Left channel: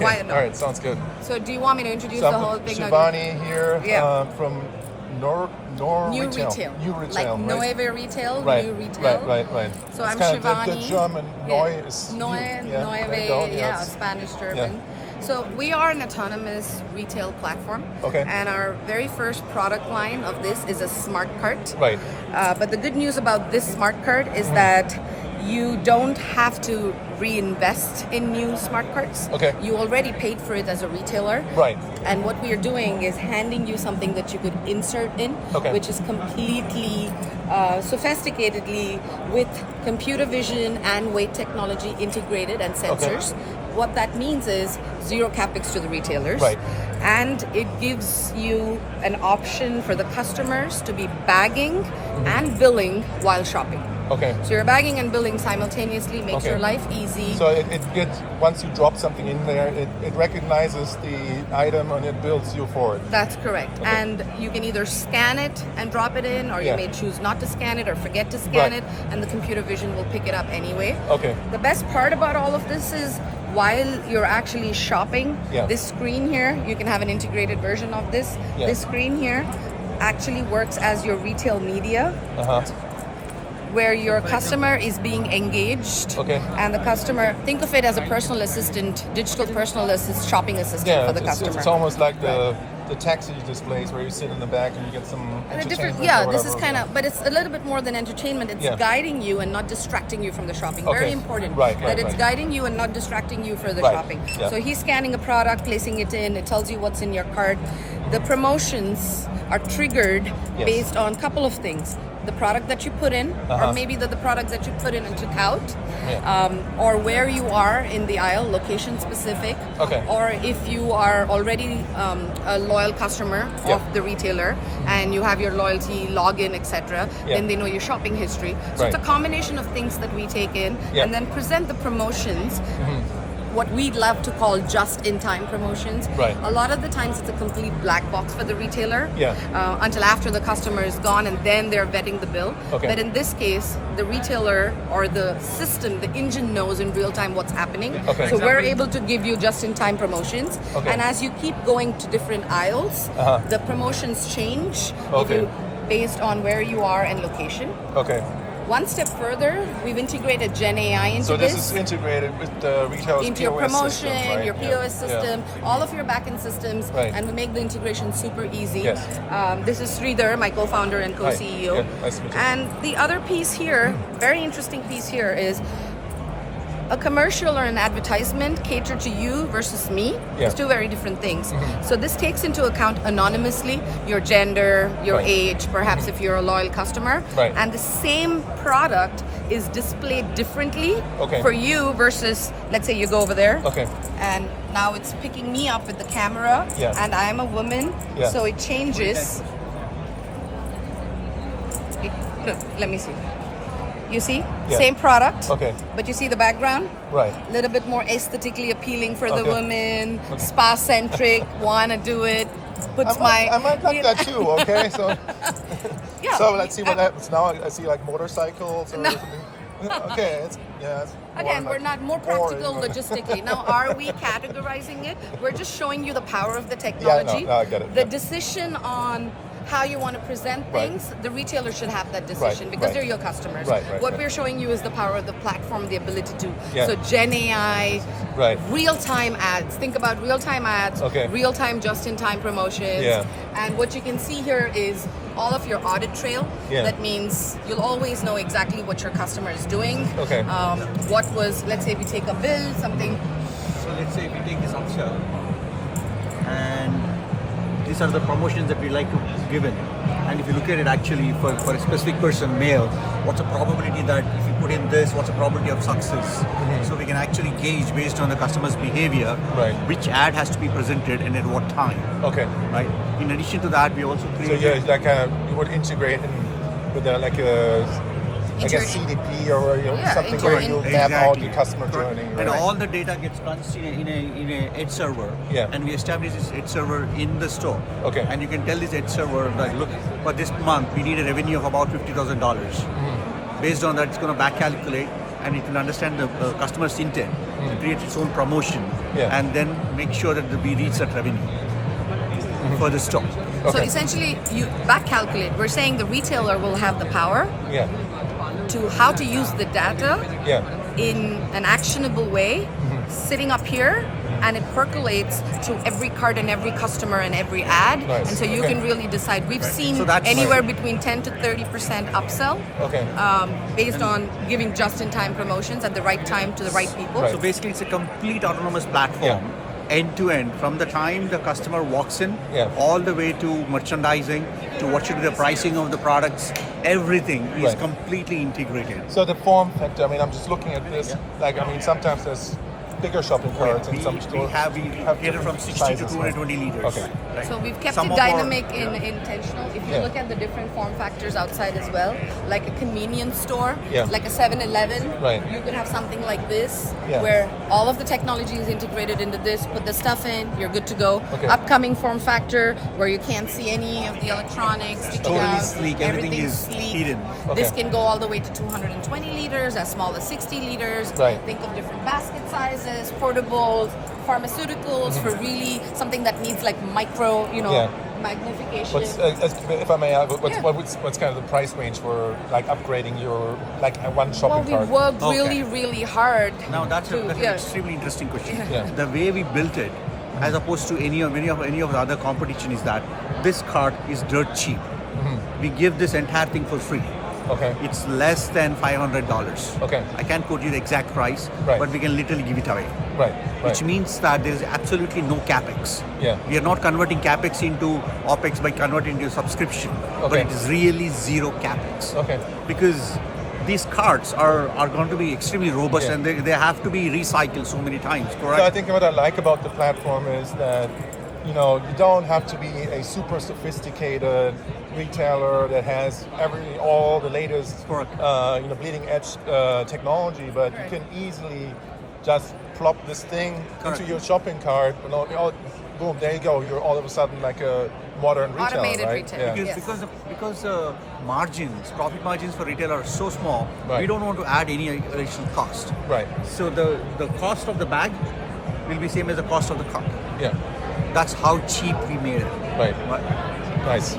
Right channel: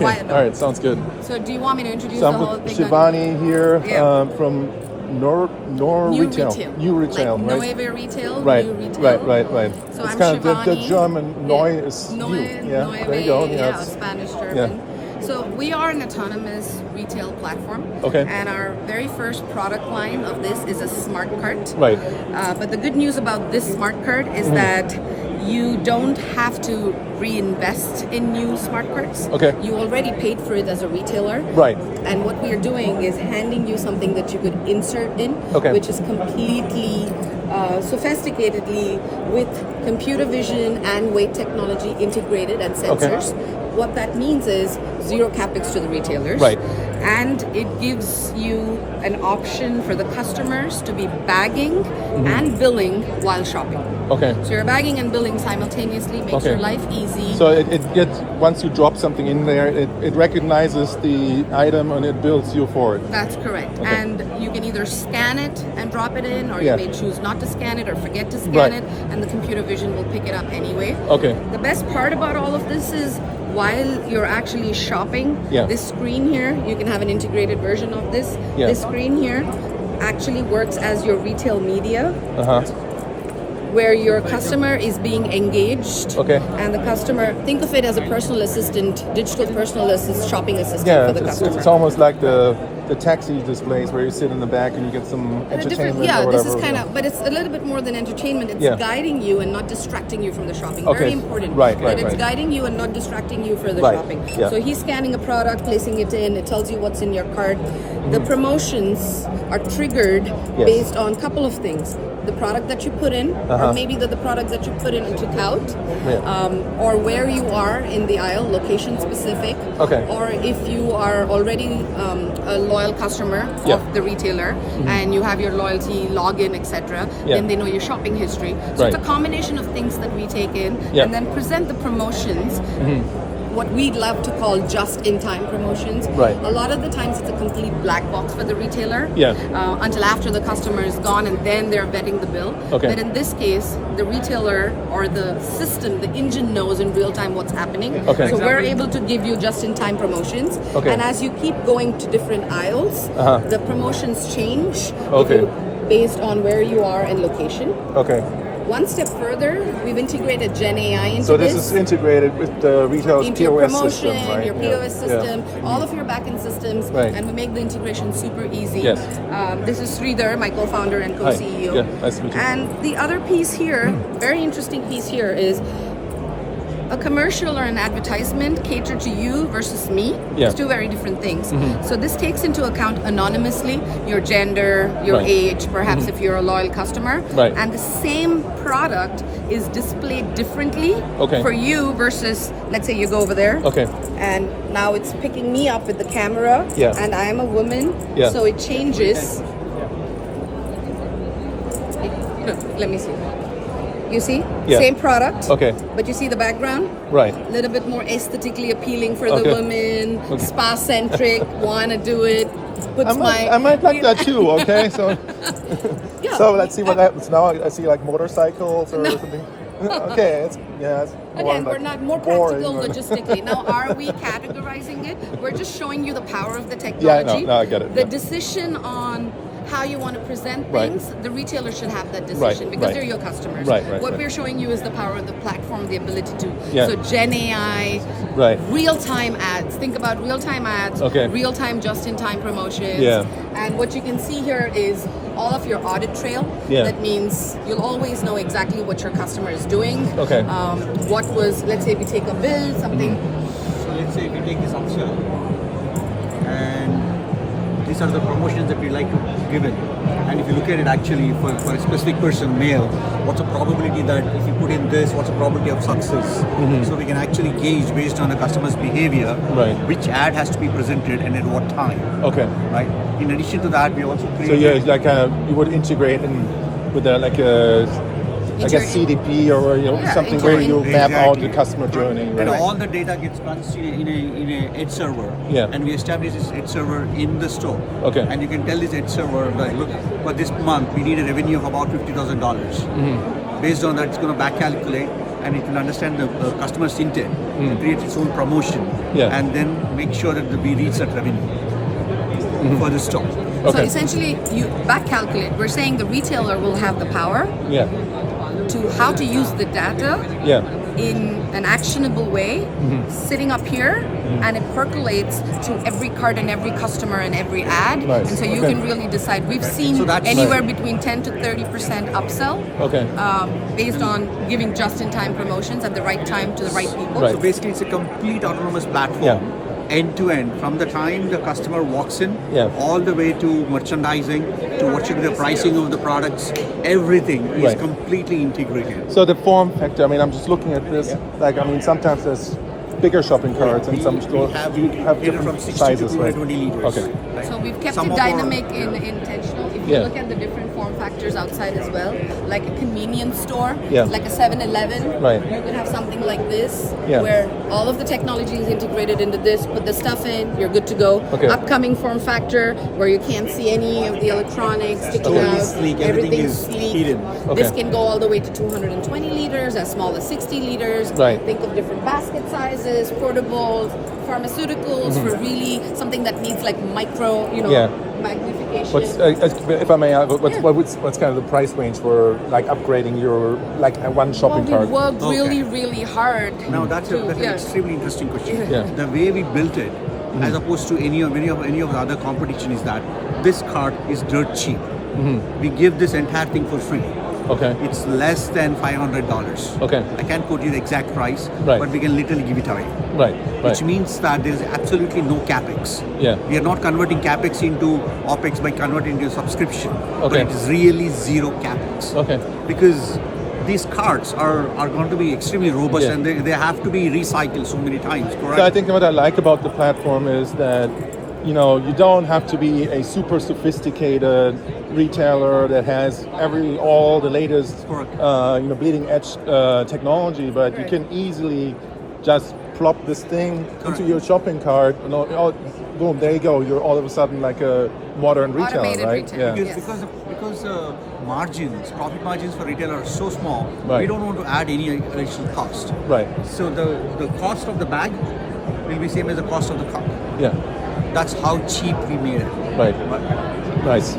Why not? All right, sounds good. So do you want me to introduce the whole thing? Shivani here from New Retail. New Retail. Like right? Nueva Retail, Right, New Retail. Right. So it's I'm kind Shivani. Of the German Neu is Neu, new. Nueva, Yes. Spanish, German. So we are an autonomous retail platform. Okay. And our very first product line of this is a smart cart. Right. But the good news about this smart cart is that you don't have to reinvest in new smart carts. Okay. You already paid for it as a retailer. Right. And what we are doing is handing you something that you could insert in, which is completely sophisticatedly with computer vision and weight technology integrated and sensors. What that means is zero capex to the retailers. Right. And it gives you an option for the customers to be bagging and billing while shopping. Okay. So you're bagging and billing simultaneously, makes your life easy. So it gets, once you drop something in there, it recognizes the item and it bills you for it. That's correct. And you can either scan it and drop it in, or you may choose not to scan it or forget to scan it, and the computer vision will pick it up anyway. Okay. The best part about all of this is while you're actually shopping, this screen here, you can have an integrated version of this. This screen here actually works as your retail media. Where your customer is being engaged, and the customer, think of it as a personal assistant, digital personal assistant, shopping assistant for the customer. It's almost like the taxi displays where you sit in the back and you get some entertainment. This is kind of, but it's a little bit more than entertainment. It's guiding you and not distracting you from the shopping. Very important that it's guiding you and not distracting you for the shopping. So he's scanning a product, placing it in, it tells you what's in your cart. The promotions are triggered based on a couple of things. The product that you put in, or maybe the product that you put in and took out, or where you are in the aisle, location specific, or if you are already a loyal customer of the retailer and you have your loyalty login, etc., then they know your shopping history. So it's a combination of things that we take in and then present the promotions. What we'd love to call just-in-time promotions. A lot of the times it's a complete black box for the retailer until after the customer is gone and then they're vetting the bill. But in this case, the retailer or the system, the engine knows in real time what's happening. So we're able to give you just-in-time promotions. And as you keep going to different aisles, the promotions change based on where you are and location. One step further, we've integrated Gen AI into this. So this is integrated with the retail's into your POS promotion, system, right? your POS system, all of your backend systems, and we make the integration super easy. This is Sridhar, my co-founder and co-CEO. Nice to meet you. And the other piece here, very interesting piece here, is a commercial or an advertisement catered to you versus me. It's two very different things. So this takes into account anonymously your gender, your age, perhaps if you're a loyal customer. And the same product is displayed differently for you versus, let's say you go over there. And now it's picking me up with the camera and I'm a woman. So it changes. Let me see. You see? Same product. But you see the background? A little bit more aesthetically appealing for the women, spa-centric, wanna do it. I might like that too, so so let's see what happens now. I see like motorcycles or something. Again, we're not more practical logistically. Now, are we categorizing it? We're just showing you the power of the technology. I get it. The decision on how you want to present things, the retailer should have that decision because they're your customers. What we're showing you is the power of the platform, the ability to. So Gen AI, real-time ads. Think about real-time ads, real-time just-in-time promotions. And what you can see here is all of your audit trail. That means you'll always know exactly what your customer is doing. What was, let's say we take a bill, something. So let's say we take this upsell and these are the promotions that we like to give it. And if you look at it actually for a specific person, male, what's the probability that if you put in this, what's the probability of success? So we can actually gauge based on the customer's behavior, which ad has to be presented and at what time. Right? In addition to that, we also create... So you would integrate with like a CDP or something where you map out the customer journey. And all the data gets crunched in a edge server. And we establish this edge server in the store. And you can tell this edge server, like, look, for this month, we need a revenue of about $50,000. Based on that, it's going to back calculate and it can understand the customer's intent to create its own promotion and then make sure that we reach that revenue for the store. So essentially, you back calculate. We're saying the retailer will have the power to how to use the data in an actionable way, sitting up here, and it percolates to every cart and every customer and every ad. And so you can really decide. We've seen anywhere between 10 to 30% upsell based on giving just-in-time promotions at the right time to the right people. So basically, it's a complete autonomous platform. End to end, from the time the customer walks in, all the way to merchandising, to what should be the pricing of the products, everything is completely integrated. So the form factor, I mean, I'm just looking at this, like, I mean, sometimes there's bigger shopping carts in some stores. We have catered from 60 to 220 liters. Okay. Right? So we've kept Some it of dynamic and intentional. If you look at the different form factors outside as well, like a convenience store, like a 7-Eleven, you could have something like this, where all of the technology is integrated into this, put the stuff in, you're good to go. Upcoming form factor, where you can't see any of the electronics sticking totally out. sleek, everything is sleek. hidden. This can go all the way to 220 liters, as small as 60 liters. Think of different basket sizes, portables, pharmaceuticals for really something that needs like micro, magnification. If I may, what's kind of the price range for like upgrading your like one shopping cart? We've worked really hard. Now that's an extremely interesting question. The way we built it, as opposed to any of the other competition, is that this cart is dirt cheap. We give this entire thing for free. It's less than $500. I can't quote you the exact price, but we can literally give it away. Which means that there is absolutely no capex. We are not converting capex into opex by converting into subscription, but it is really zero capex. Because these carts are going to be extremely robust and they have to be recycled so many times, correct? So I think what I like about the platform is that you don't have to be a super sophisticated retailer that has all the latest bleeding edge technology, but you can easily just plop this thing into your shopping cart. Boom, there you go. You're all of a sudden like a modern retailer, automated retailer. Because margins, profit margins for retail are so small, we don't want to add any additional cost. So the cost of the bag will be same as the cost of the cart. That's how cheap we made it. Nice.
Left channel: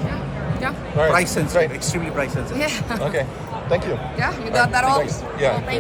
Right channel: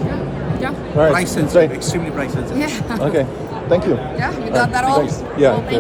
Price sensitive, extremely price sensitive. Okay. Thank you. You got that all? Yeah. Well, thank